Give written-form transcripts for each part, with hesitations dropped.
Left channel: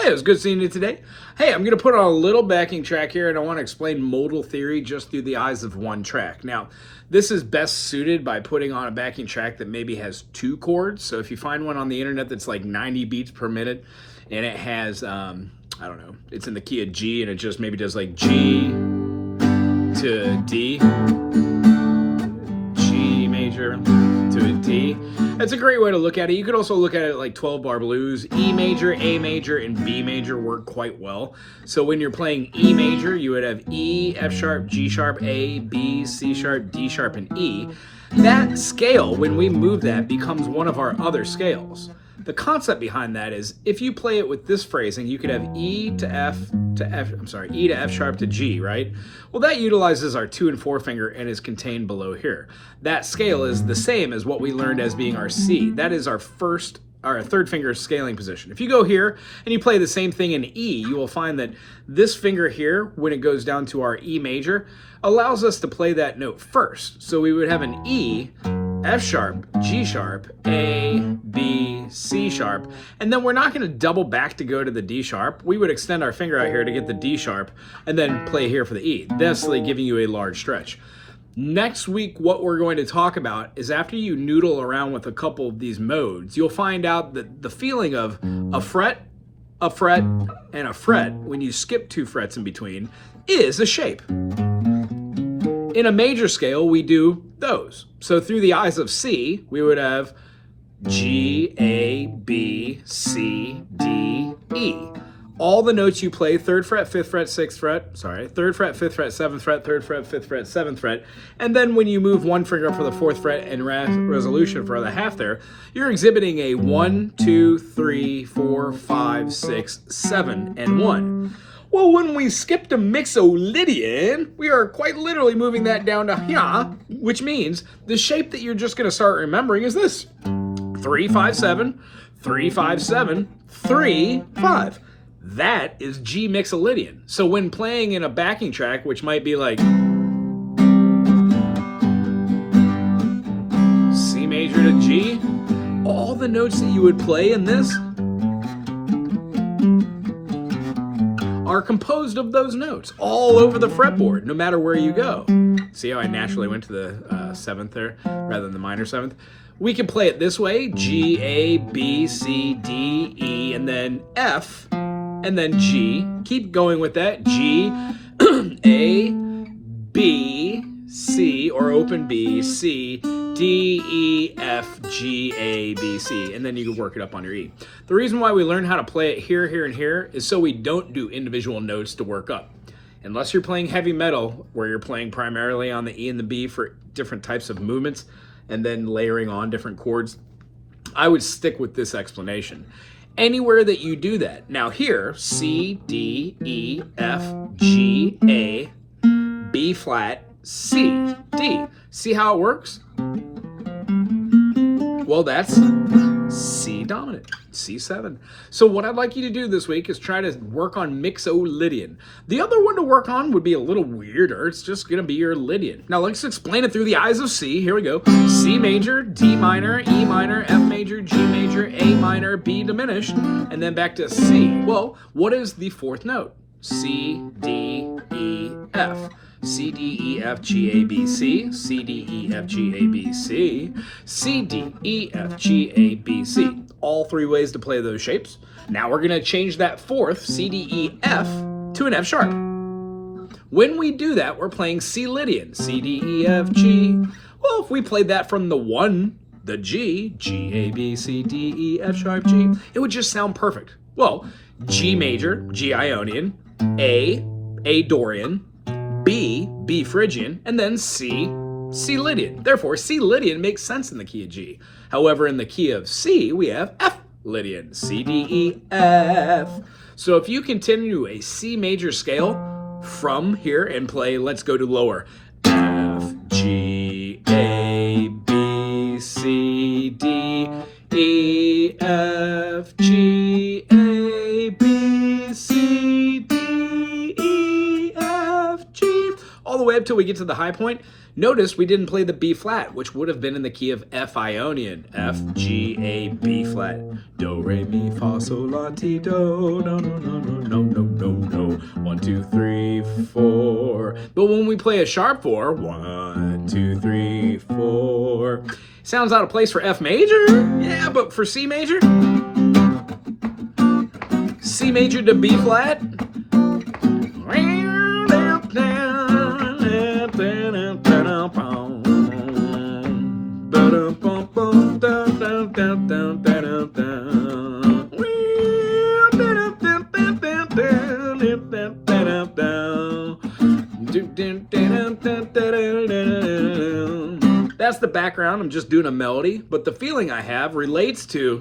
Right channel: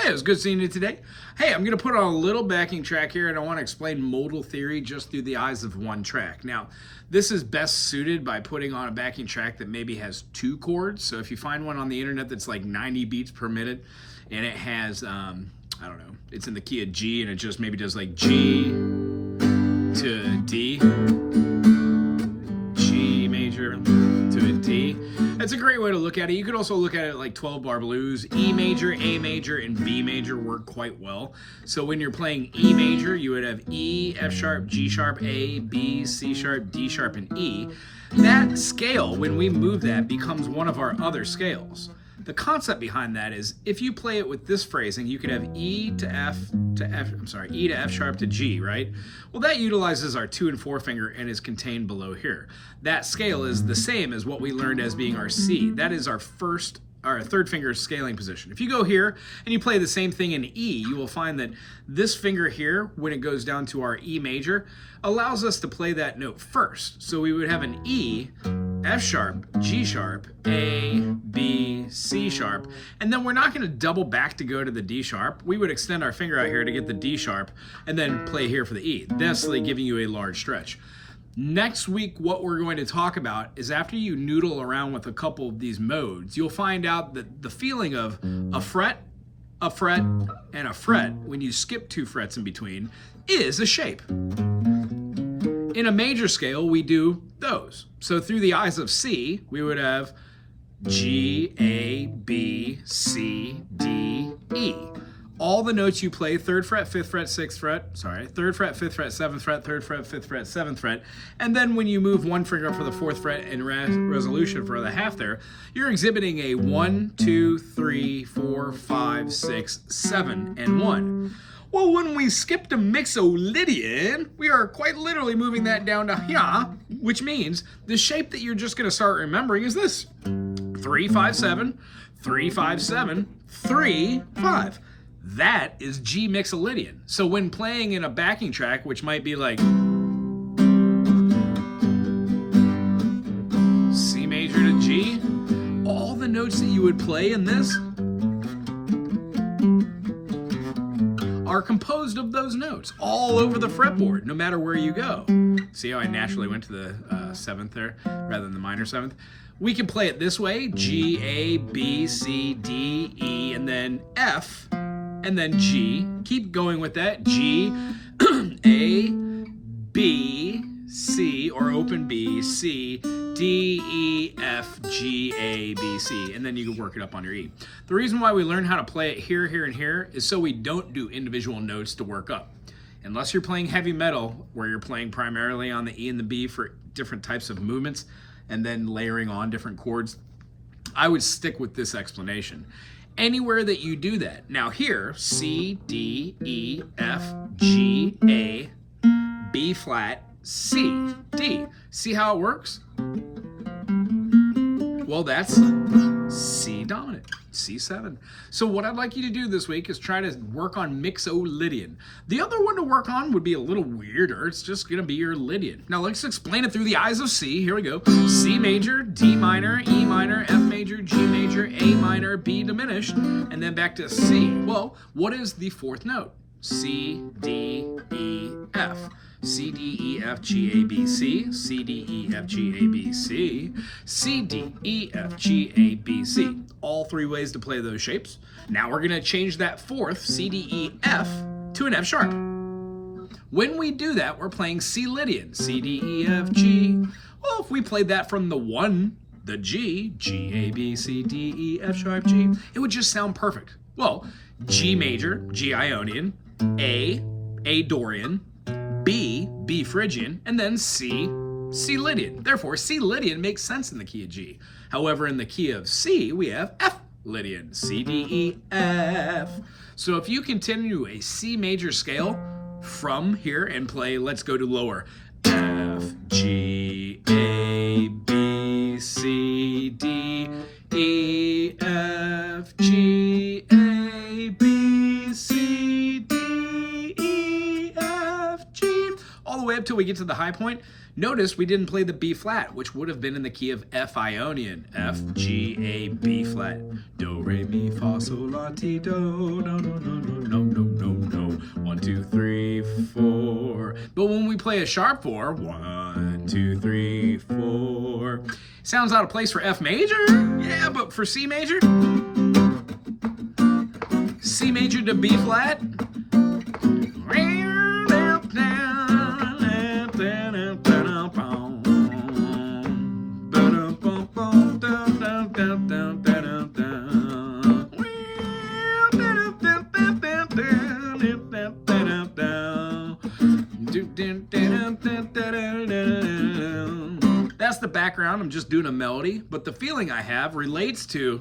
Hey, it was good seeing you today. Hey, I'm going to put on a little backing track here, and I want to explain modal theory just through the eyes of one track. Now, this is best suited by putting on a backing track that maybe has two chords. So if you find one on the internet that's like 90 beats per minute, and it has, I don't know, it's in the key of G, and it just maybe does like G to D, G major to a D. That's a great way to look at it. You could also look at it like 12-bar blues. E major, A major, and B major work quite well. So when you're playing E major, you would have E, F sharp, G sharp, A, B, C sharp, D sharp, and E. That scale, when we move that, becomes one of our other scales. The concept behind that is if you play it with this phrasing, you could have E to F to E to F sharp to G, right? Well, that utilizes our 2 and 4 finger and is contained below here. That scale is the same as what we learned as being our C. That is our third finger scaling position. If you go here and you play the same thing in E, you will find that this finger here, when it goes down to our E major, allows us to play that note first. So we would have an E, F sharp, G sharp, A, B, C sharp, and then we're not going to double back to go to the D sharp. We would extend our finger out here to get the D sharp and then play here for the E, thusly giving you a large stretch. Next week, what we're going to talk about is after you noodle around with a couple of these modes, you'll find out that the feeling of a fret, and a fret, when you skip 2 frets in between, is a shape. In a major scale, we do those. So through the eyes of C, we would have G, A, B, C, D, E. All the notes you play, 3rd fret, 5th fret, 6th fret, 3rd fret, 5th fret, 7th fret, 3rd fret, 5th fret, 7th fret. And then when you move one finger up for the 4th fret and resolution for the half there, you're exhibiting a 1, 2, 3, 4, 5, 6, 7, and 1. Well, when we skip to Mixolydian, we are quite literally moving that down to here, which means the shape that you're just going to start remembering is this. 3, 5, 7, 3, 5, 7, 3, 5. That is G Mixolydian. So when playing in a backing track, which might be like C major to G, all the notes that you would play in this are composed of those notes all over the fretboard, no matter where you go. See how I naturally went to the 7th there rather than the minor 7th? We can play it this way: G, A, B, C, D, E, and then F, and then G. Keep going with that. G, A, B, C, or open B, C, D, E, F, G, A, B, C, and then you can work it up on your E. The reason why we learn how to play it here, here, and here is so we don't do individual notes to work up. Unless you're playing heavy metal, where you're playing primarily on the E and the B for different types of movements, and then layering on different chords, I would stick with this explanation. Anywhere that you do that. Now here, C, D, E, F, G, A, B flat, C, D. See how it works? Well, that's C dominant, C7. So what I'd like you to do this week is try to work on Mixolydian. The other one to work on would be a little weirder. It's just going to be your Lydian. Now let's explain it through the eyes of C. Here we go. C major, D minor, E minor, F major, G major, A minor, B diminished, and then back to C. Well, what is the 4th note? C, D, E, F. C, D, E, F, G, A, B, C, C, D, E, F, G, A, B, C, C, D, E, F, G, A, B, C. All 3 ways to play those shapes. Now we're going to change that 4th, C, D, E, F, to an F sharp. When we do that, we're playing C Lydian, C, D, E, F, G. Well, if we played that from the 1, the G, G, A, B, C, D, E, F sharp, G, it would just sound perfect. Well, G major, G Ionian, A Dorian, B Phrygian, and then C Lydian. Therefore, C Lydian makes sense in the key of G. However, in the key of C, we have F Lydian, C, D, E, F. So if you continue a C major scale from here and play, let's go to lower, F, G, A, B, C, D, E, F, G, A, B, C, D, E, F, G, all the way up till we get to the high point. Notice we didn't play the B flat, which would have been in the key of F Ionian. F, G, A, B flat. Do, re, mi, fa, sol, la, ti, do. No, no, no, no, no, no, no, no. 1, 2, 3, 4. But when we play a sharp 4, 1, 2, 3, 4. Sounds out of place for F major. Yeah, but for C major? C major to B flat. That's the background. I'm just doing a melody, but the feeling I have relates to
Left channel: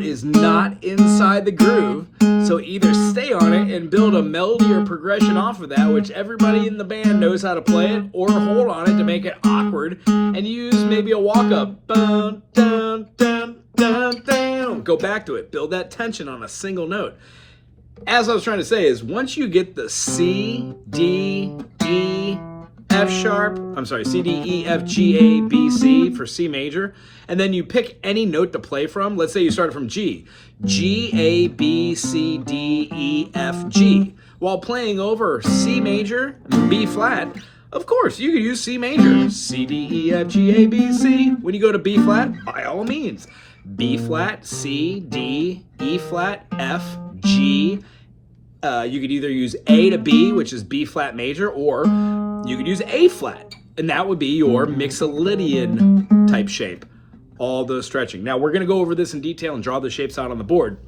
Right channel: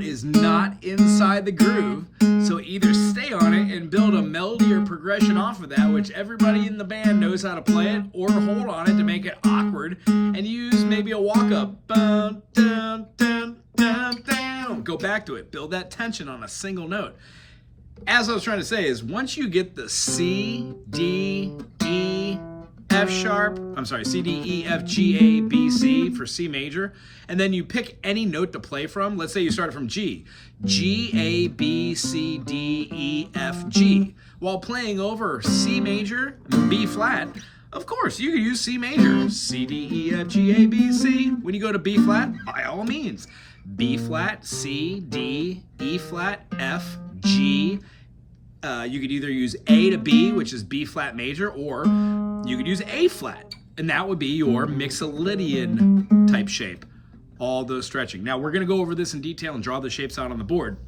is not inside the groove, so either stay on it and build a melody or progression off of that, which everybody in the band knows how to play it, or hold on it to make it awkward and use maybe a walk-up. Go back to it, build that tension on a single note. As I was trying to say is, once you get the C, D, E, F sharp, C, D, E, F, G, A, B, C for C major, and then you pick any note to play from. Let's say you started from G. G, A, B, C, D, E, F, G. While playing over C major and B flat, of course, you could use C major. C, D, E, F, G, A, B, C. When you go to B flat, by all means. B flat, C, D, E flat, F, G. You could either use A to B, which is B flat major, or you could use A flat, and that would be your Mixolydian type shape. All those stretching. Now, we're going to go over this in detail and draw the shapes out on the board,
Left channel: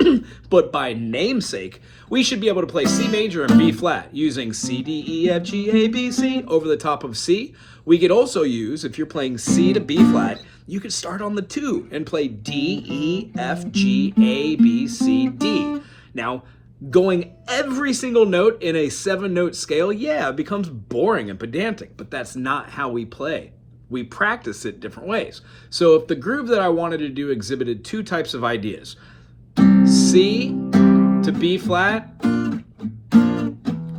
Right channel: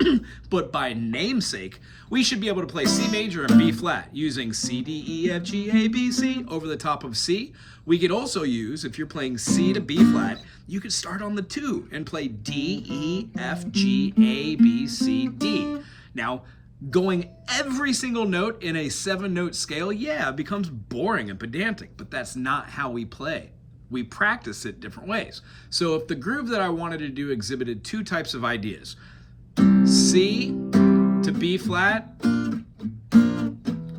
but by namesake, we should be able to play C major and B flat using C, D, E, F, G, A, B, C over the top of C. We could also use, if you're playing C to B flat, you could start on the 2 and play D, E, F, G, A, B, C, D. Now, going every single note in a 7-note scale, yeah, it becomes boring and pedantic, but that's not how we play. We practice it different ways. So if the groove that I wanted to do exhibited 2 types of ideas, C to B flat,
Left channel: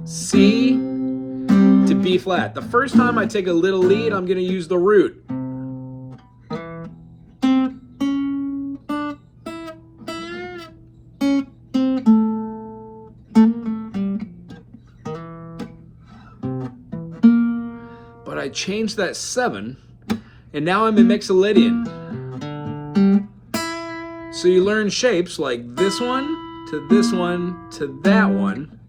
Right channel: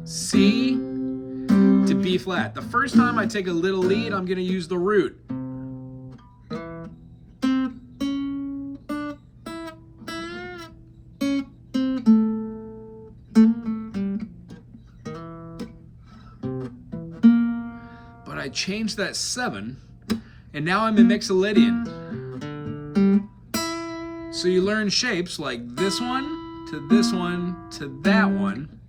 C to B flat. The first time I take a little lead, I'm going to use the root. But I changed that 7, and now I'm in Mixolydian. So you learn shapes like this one to this one to that one,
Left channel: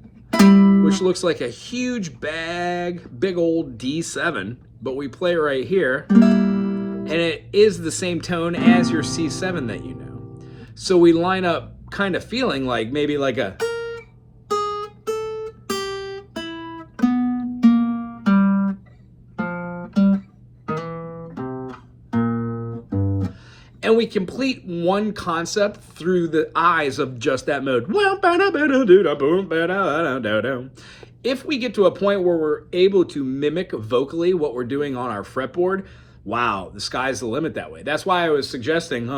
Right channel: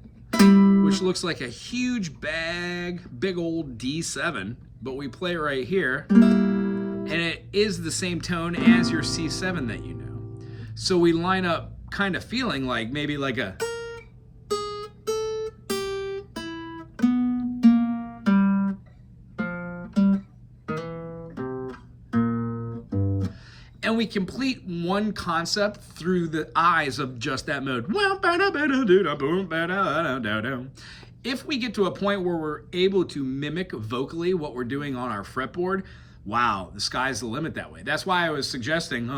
which looks like a huge big old D7, but we play right here, and it is the same tone as your C7 that you know. So we line up kind of feeling like maybe like a and we complete one concept through the eyes of just that mode. If we get to a point where we're able to mimic vocally what we're doing on our fretboard, wow, the sky's the limit that way. That's why I was suggesting,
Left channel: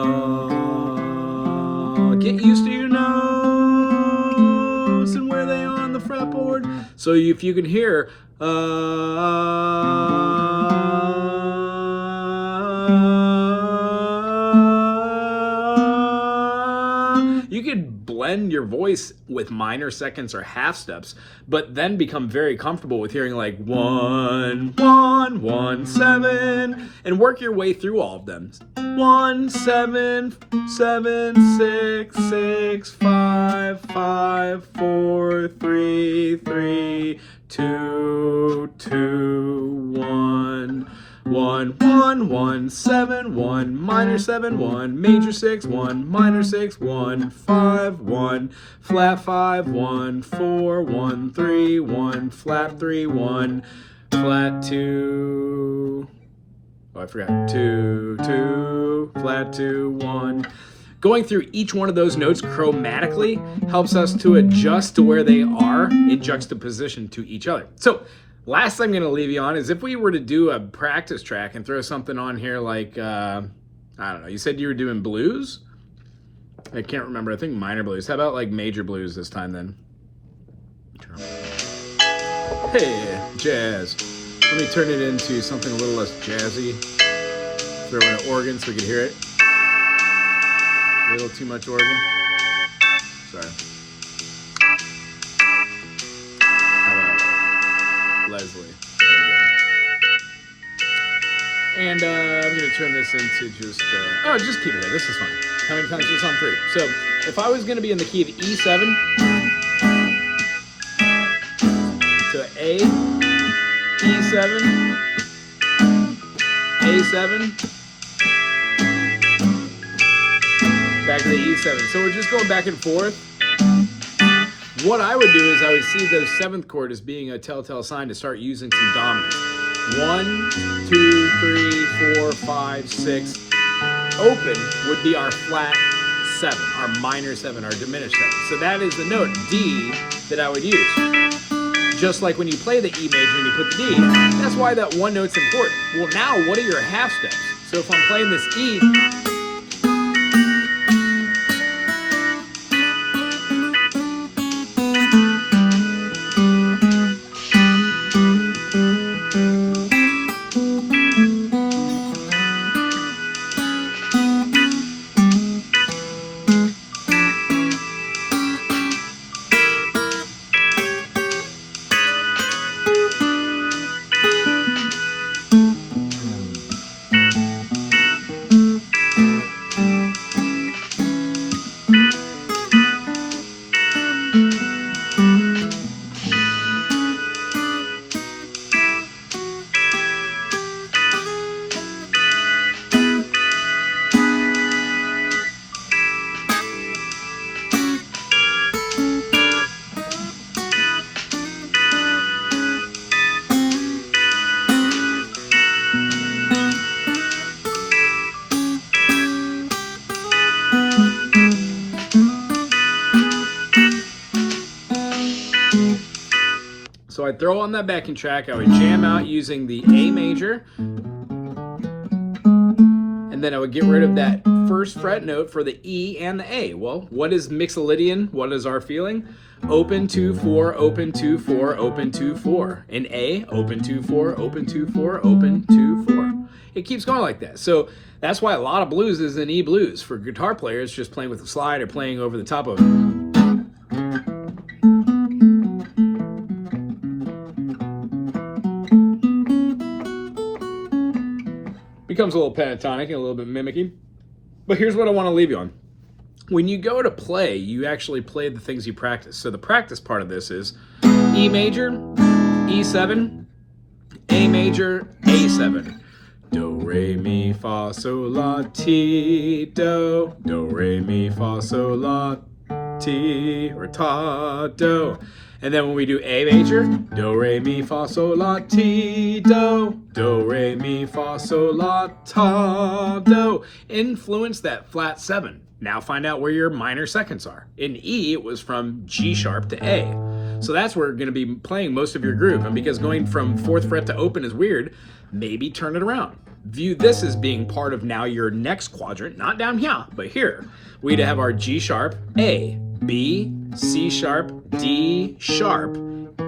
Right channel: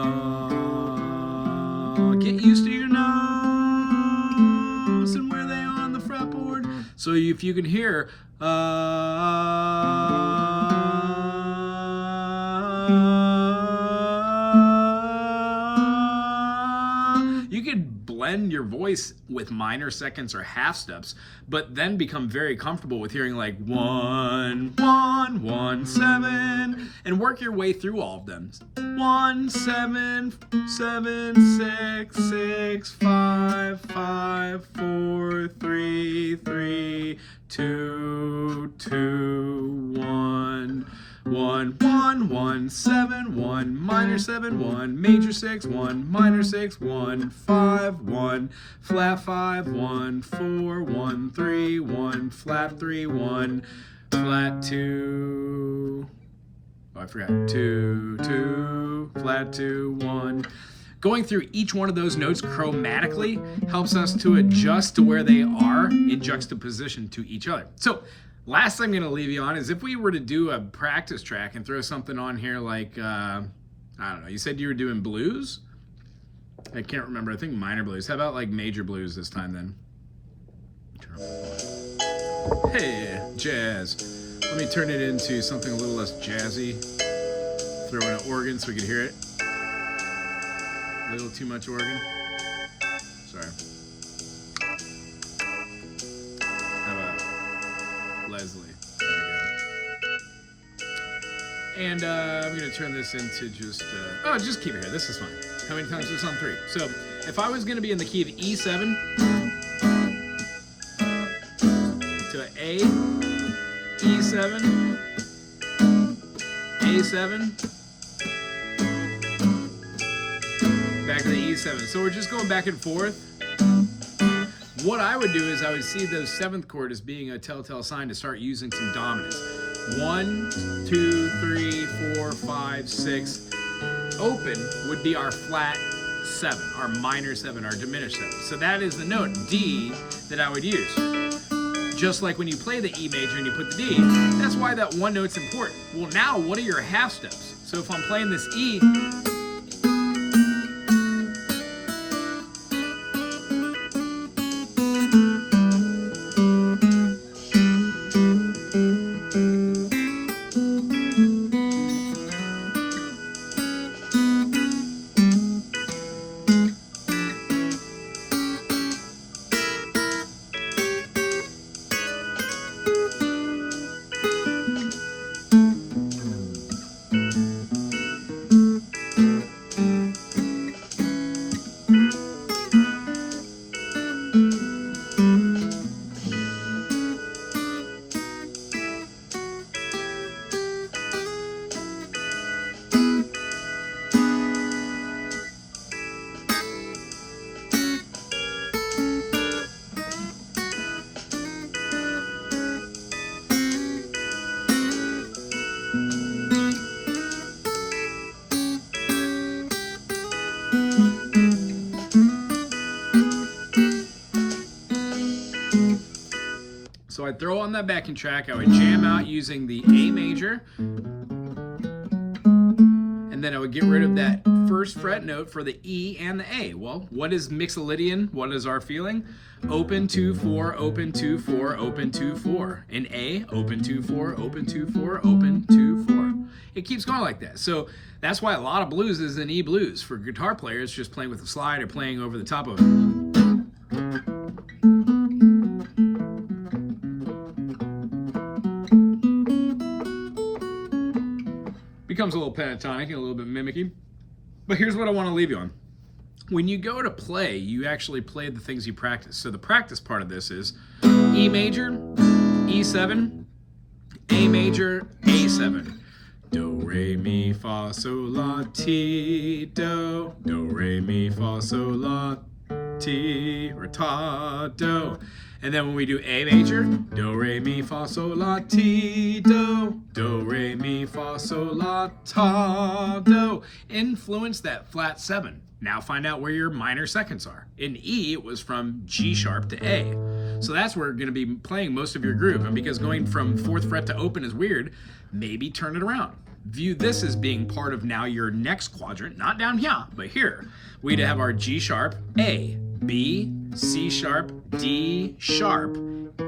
get used to your notes and where they are on the fretboard. So if you can hear, you could blend your voice with minor seconds or half steps, but then become very comfortable with hearing like 1, 1, 1, 7, and work your way through all of them. 1, 7, 7, 6, 6, 5, 5, 4, 3, 3, 2, 2, 1. 1, 1, 1, 7, 1, minor 7, 1, major 6, 1, minor 6, 1, 5, 1, flat 5, 1, 4, 1, 3, 1, flat 3, 1, flat 2, oh, I forgot, 2, 2, flat 2, 1. Going through each one of those notes chromatically helps us to adjust to where they are in juxtaposition to each other. So, last thing I'm going to leave you on is if we were to do a practice track and throw something on here like, I don't know, you said you were doing blues? I can't remember. I think minor blues. How about like major blues this time then? Hey, jazz. Let me turn it into something a little less jazzy. Throw in an organ so we can hear it. A little too much organ. Sorry. How about Leslie? There we go. And I'm going to turn this into just, just keep it here. This is fine. How many times is this on 3? So if I was going to be in the key of E7 to A, E7, A7, back to the E7. So we're just going back and forth. What I would do is I would see the 7th chord as being a telltale sign to start using some dominance. 1, 2, 3, 4, 5, 6. Open would be our flat 7, our minor 7, our diminished 7. So that is the note D that I would use. Just like when you play the E major and you put the D, that's why that one note's important. Well, now what are your half steps? So if I'm playing this E, so I'd throw on that backing track, I would jam out using the A major, and then I would get rid of that first fret note for the E and the A. Well, what is Mixolydian? What is our feeling? Open 2, 4, open 2, 4, open 2, 4. In A, open 2, 4, open 2, 4, open 2, 4. It keeps going like that. So that's why a lot of blues is in E blues. For guitar players, just playing with a slide or playing over the top of it. Becomes a little pentatonic and a little bit mimicky. But here's what I want to leave you on. When you go to play, you actually play the things you practice. So the practice part of this is E major, E7, A major, A7. Do, re, mi, fa, sol, la, ti, do. Do, re, mi, fa, sol, la, ti, or ta, do. And then when we do A major, do, re, mi, fa, sol, la, ti, do. Do, re, mi, fa, sol, la, ta, do. Influence that flat 7. Now find out where your minor seconds are. In E, it was from G sharp to A. So that's where you're going to be playing most of your groove. And because going from 4th fret to open is weird, maybe turn it around. View this as being part of now your next quadrant, not down here, but here. We'd have our G sharp, A, B, C sharp, D sharp,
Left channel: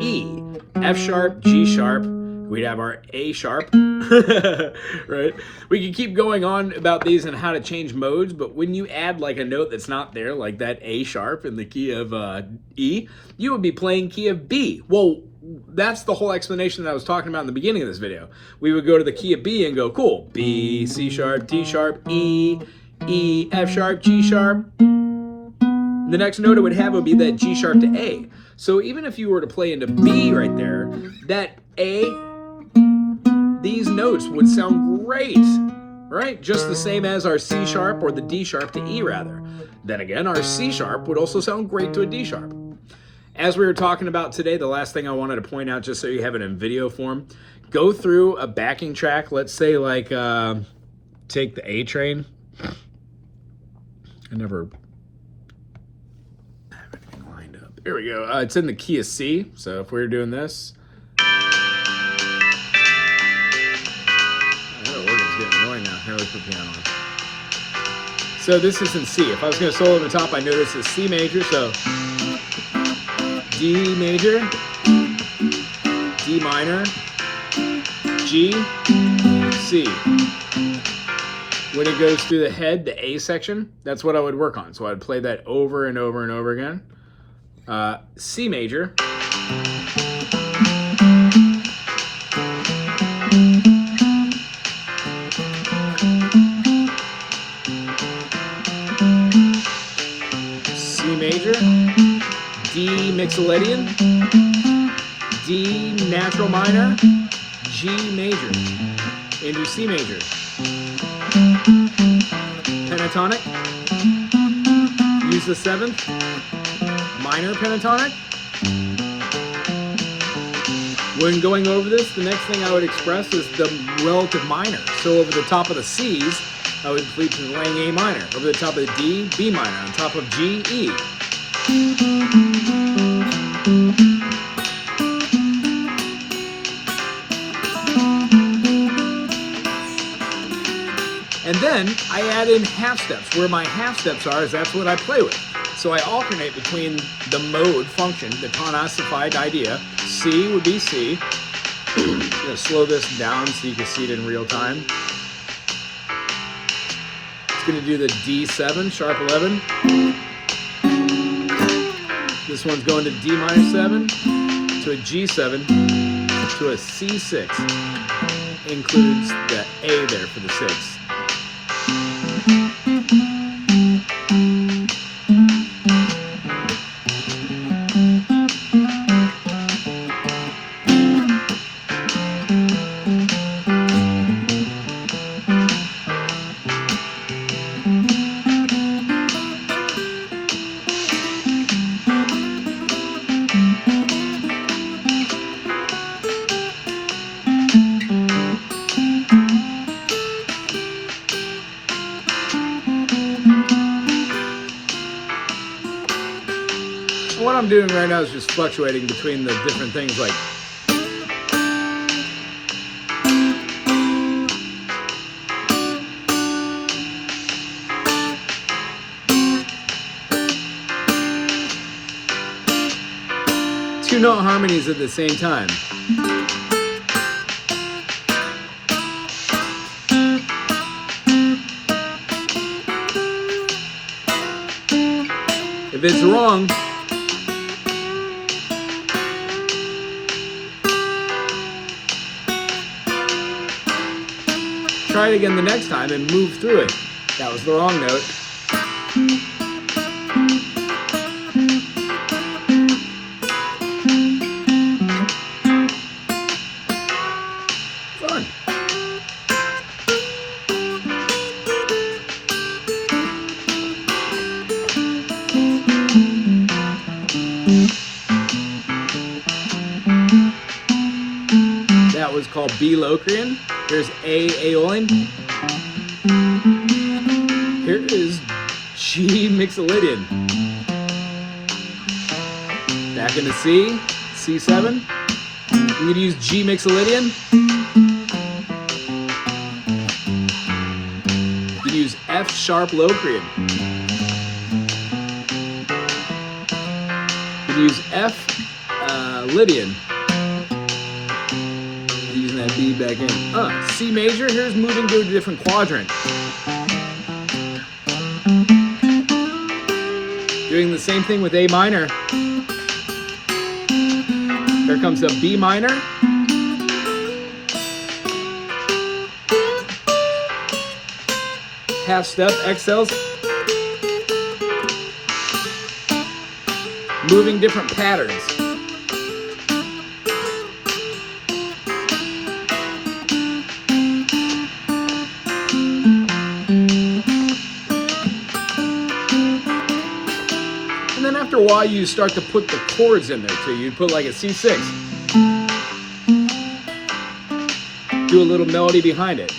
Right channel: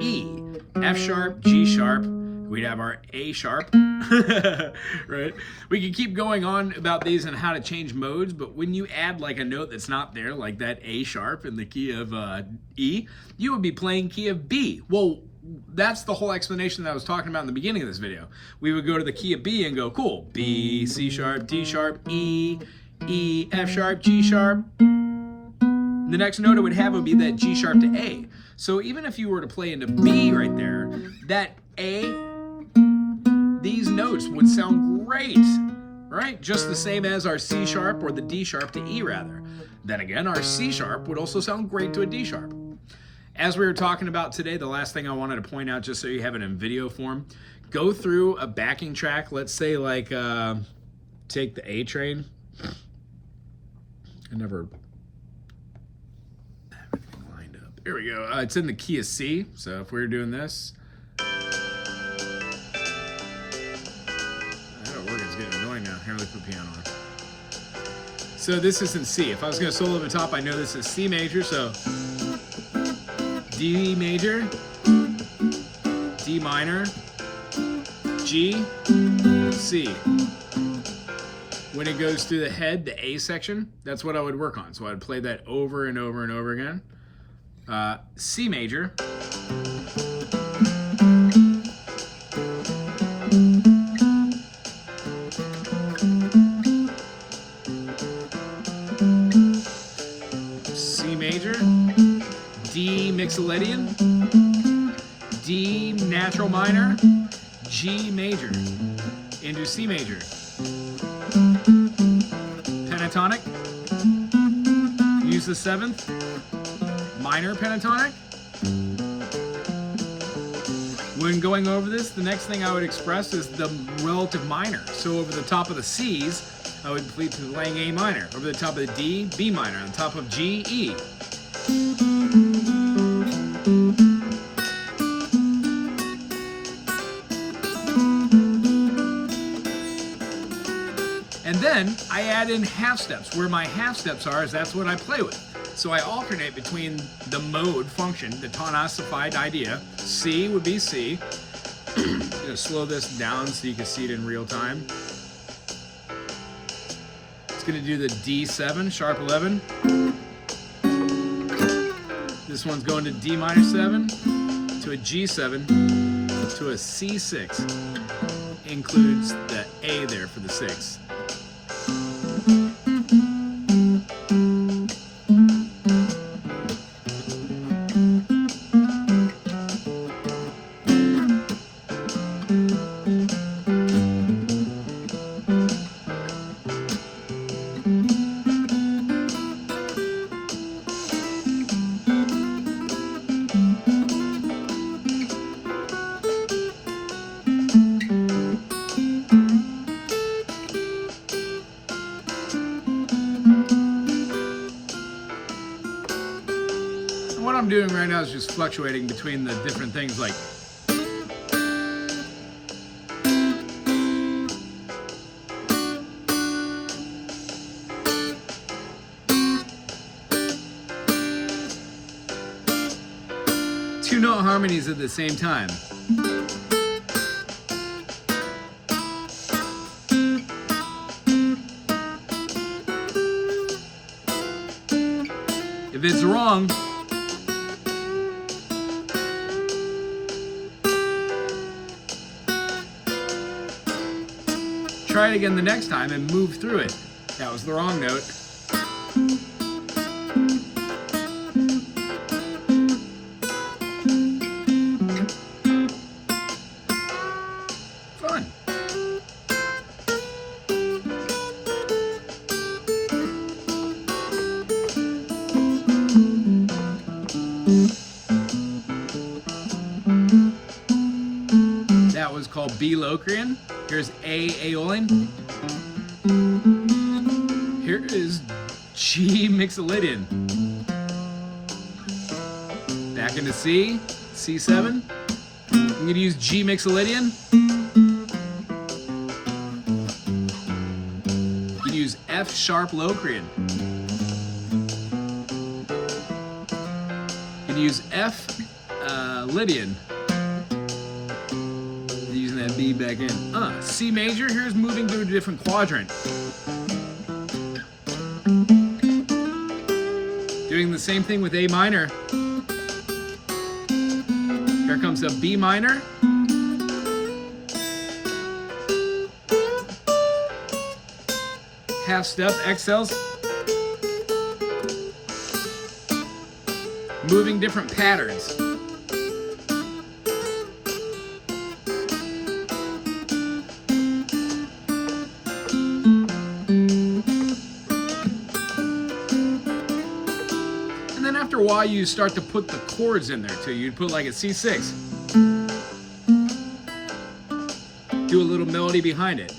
E, F sharp, G sharp. We'd have our A sharp, right? We could keep going on about these and how to change modes, but when you add like a note that's not there, like that A sharp in the key of E, you would be playing key of B. Well, that's the whole explanation that I was talking about in the beginning of this video. We would go to the key of B and go, cool, B, C sharp, D sharp, E, E, F sharp, G sharp. The next note it would have would be that G sharp to A. So even if you were to play into B right there, that A, these notes would sound great, right? Just the same as our C sharp or the D sharp to E rather. Then again, our C sharp would also sound great to a D sharp. As we were talking about today, the last thing I wanted to point out, just so you have it in video form, go through a backing track, let's say like, take the A train. I never have everything lined up. There we go. It's in the key of C, so if we were doing this, that organ's getting annoying now. Here, let's put the piano on. So this is in C. If I was going to solo at the top, I know this is C major, so D major, D minor, G, C. When it goes through the head, the A section, that's what I would work on. So I'd play that over and over and over again. C major. C major. D Mixolydian. D natural minor. G major. Into C major. Pentatonic. Use the 7th. Minor pentatonic. When going over this, the next thing I would express is the relative minor. So over the top of the C's, I would be playing A minor. Over the top of the D, B minor. On top of G, E. And then I add in half steps. Where my half steps are, is that's what I play with. So I alternate between the mode function, the tonified idea. C would be C. I'm gonna slow this down so you can see it in real time. It's gonna do the D7, sharp 11. This one's going to D minor 7, to a G7, to a C6. Includes the A there for the 6. What I'm doing right now is just fluctuating between the different things like two note harmonies at the same time. If it's wrong, try it again the next time and move through it. That was the wrong note. Fun. That was called B Locrian. Here's A Aeolian. Here is G Mixolydian. Back into C, C7. I'm going to use G Mixolydian. You can use F sharp Locrian. You can use F Lydian. Using that B back in. C major, here's moving to a different quadrant. Doing the same thing with A minor. Here comes a B minor. Half step, exhales. Moving different patterns. after a while, you start to put the chords in there too. You'd put like a C6. Do a little melody behind it.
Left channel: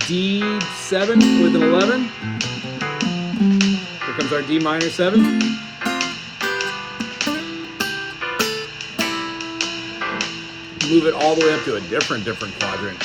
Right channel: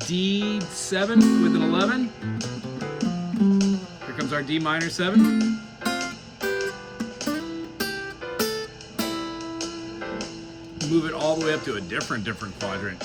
D7 with an 11. Here comes our D minor 7. Move it all the way up to a different quadrant.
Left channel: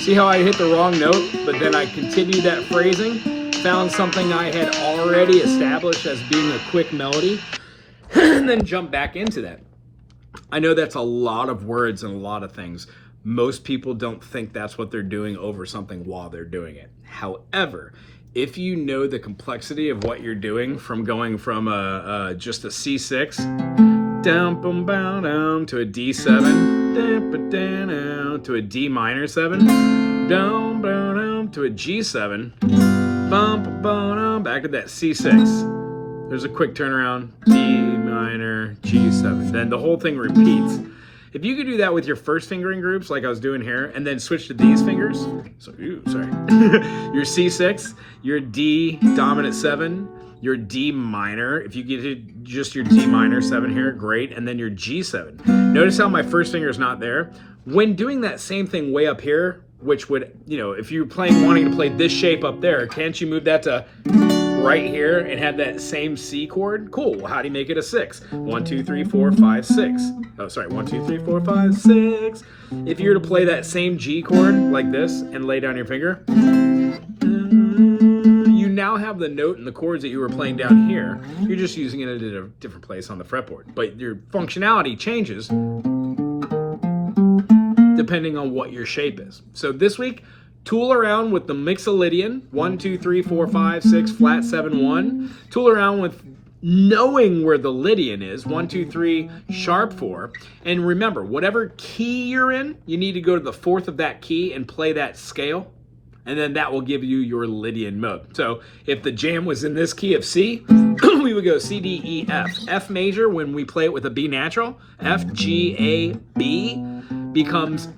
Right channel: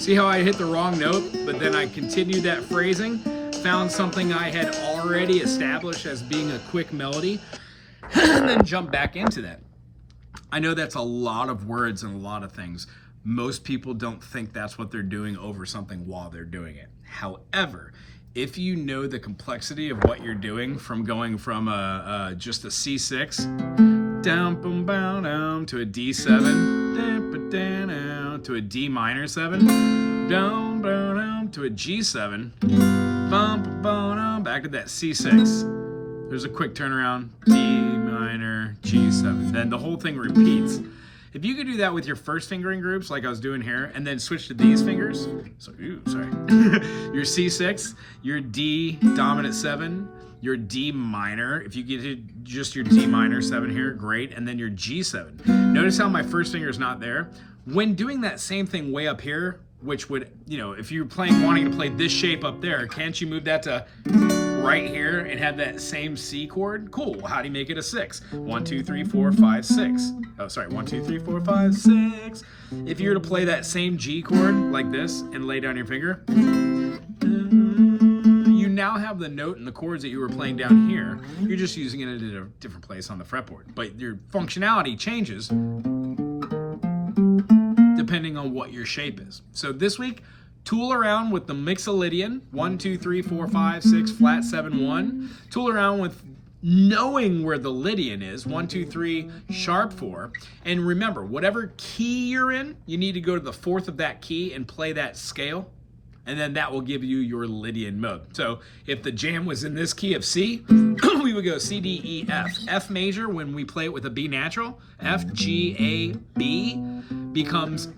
See how I hit the wrong note, but then I continued that phrasing, found something I had already established as being a quick melody, and then jump back into that. I know that's a lot of words and a lot of things. Most people don't think that's what they're doing over something while they're doing it. However, if you know the complexity of what you're doing, from going from just a C6 down, boom, bow, down to a D7, to a D minor 7, down, down, to a G7, back to that C6. There's a quick turnaround, D minor, G7. Then the whole thing repeats. If you could do that with your first fingering groups, like I was doing here, and then switch to these fingers, so, sorry, your C6, your D dominant 7, your D minor, if you get to just your D minor 7 here, great, and then your G7. Notice how my first finger is not there. When doing that same thing way up here, which would, if you're wanting to play this shape up there, can't you move that to right here and have that same C chord? Cool. How do you make it a 6? 1, 2, 3, 4, 5, 6. Oh, sorry. 1, 2, 3, 4, 5, 6. If you were to play that same G chord like this and lay down your finger, you now have the note and the chords that you were playing down here. You're just using it at a different place on the fretboard, but your functionality changes depending on what your shape is. So this week, tool around with the Mixolydian, 1, 2, 3, 4, 5, 6, flat 7, 1. Tool around with knowing where the Lydian is, 1, 2, 3, sharp 4. And remember, whatever key you're in, you need to go to the fourth of that key and play that scale. And then that will give you your Lydian mode. So if the jam was in this key of C, we would go C, D, E, F. F major, when we play it with a B natural, F, G, A, B, becomes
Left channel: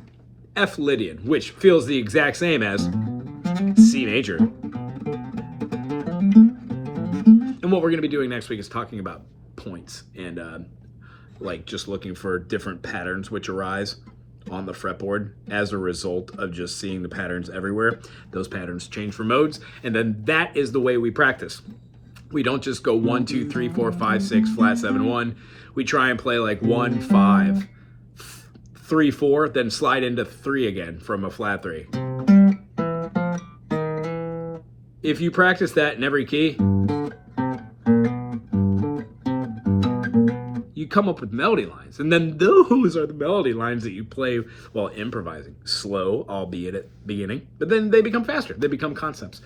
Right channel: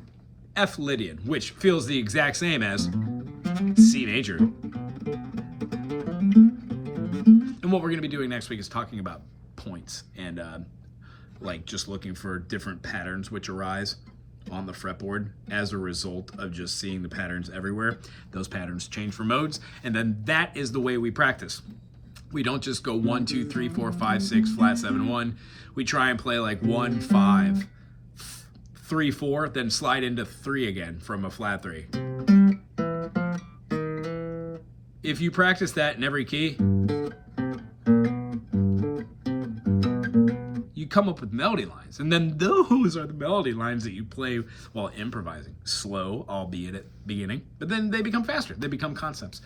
F Lydian, which feels the exact same as C major. And what we're going to be doing next week is talking about points and like just looking for different patterns which arise on the fretboard as a result of just seeing the patterns everywhere. Those patterns change for modes, and then that is the way we practice. We don't just go 1, 2, 3, 4, 5, 6, flat 7, 1. We try and play like 1, 5, 3, 4, then slide into 3 again from a flat 3. If you practice that in every key, you come up with melody lines, and then those are the melody lines that you play while improvising. Slow, albeit at the beginning, but then they become faster. They become concepts.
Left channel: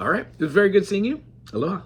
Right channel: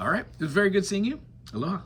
All right, it was very good seeing you. Aloha.